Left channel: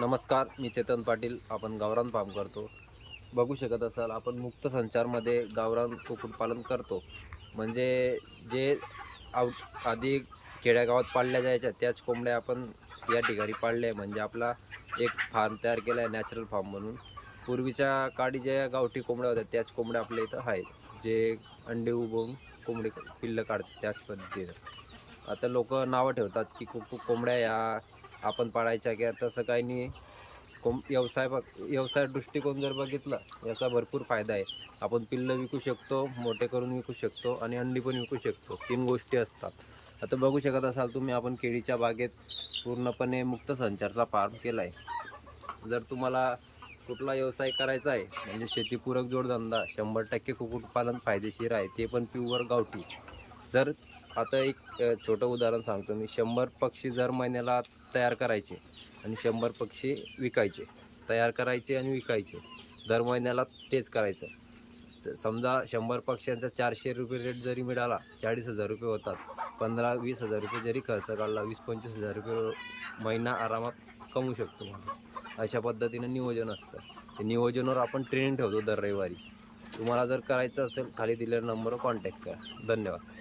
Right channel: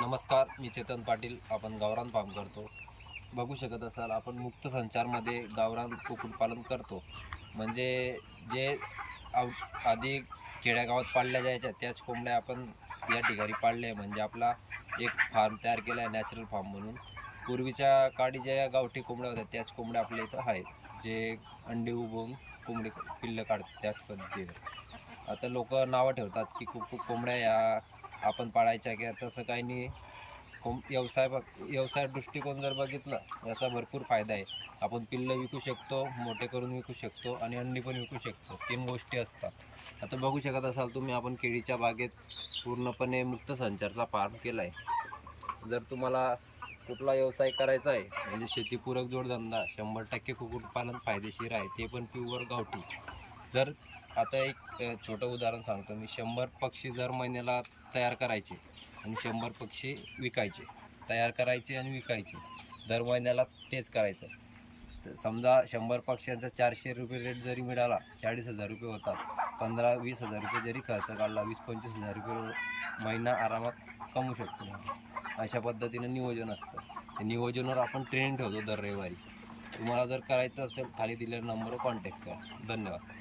नमस्कार, मी चेतन पाटील. आपण गावरान फार्म करतो. बघू शकत असाल आपण मुक्त संचारमध्ये गावरान कुक्कुटपालन करतो. म्हणजे जे आधी खेड्यागावात पाळल्या जायच्या त्याच कोंबड्या आपण या ठिकाणी पाळल्या. म्हणजे आपला एक फार्म तयार केला आहे नॅचरल फार्म म्हणून. पूर्वीच्या काळी ज्या गावठी कोंबड्या होत्या त्याच कोंबड्या आपल्या इथं आहेत, जे अंडे उबवून कोंबडी पिल्लं काढतात त्याच पद्धतीनं. आता लोक नावं ठेवतात की कोंबड्या या आपण पाळायच्या, की तसं काही नाही. व्यवसाय दृष्टिकोन जर बघितला, याचा भरपूर फायदा आहे. आपण पिल्लं विकू शकतो, मोठे करून विकू शकतो आणि अंडी पण विकू शकतो. 3 गोष्टी असतात. आता बघू शकत असाल तुम्ही, आपण केळीच्या बागेत पूर्णपणे मुक्त संचारचा फार्म केला आहे. जर तुम्हाला कुठला व्यवसाय करायचा आहे, म्हणजे शेतीपूरक जोडधंदा, 100% कुक्कुटपालन फायदेशीर आहे, ते पण प्युअर गावठी. जर आता एक छोटं उदाहरण सांगतो मी. 100 पक्षी जर महिन्याला तयार करायचे आणि 100 पक्षी विकायचे. तयार करायचे आणि विकायचे. दर महिन्याला तेच करायचं. तर समजा 100 पक्ष्यांचा ₹400 रेट जरी मिळाला, ₹40,000 होतात. 15-20,000 जरी खर्च काढला, 20-25,000 महिना आरामात कमवू शकतो. अशा पद्धतीनं नियोजन असतं. ते नियोजनावर आपण ट्रेनिंग ठेवतो दर रविवारी. तुम्हाला जर करायचं असेल, खाली दिलेल्या नंबरवर कॉन्टॅक्ट करा. धन्यवाद.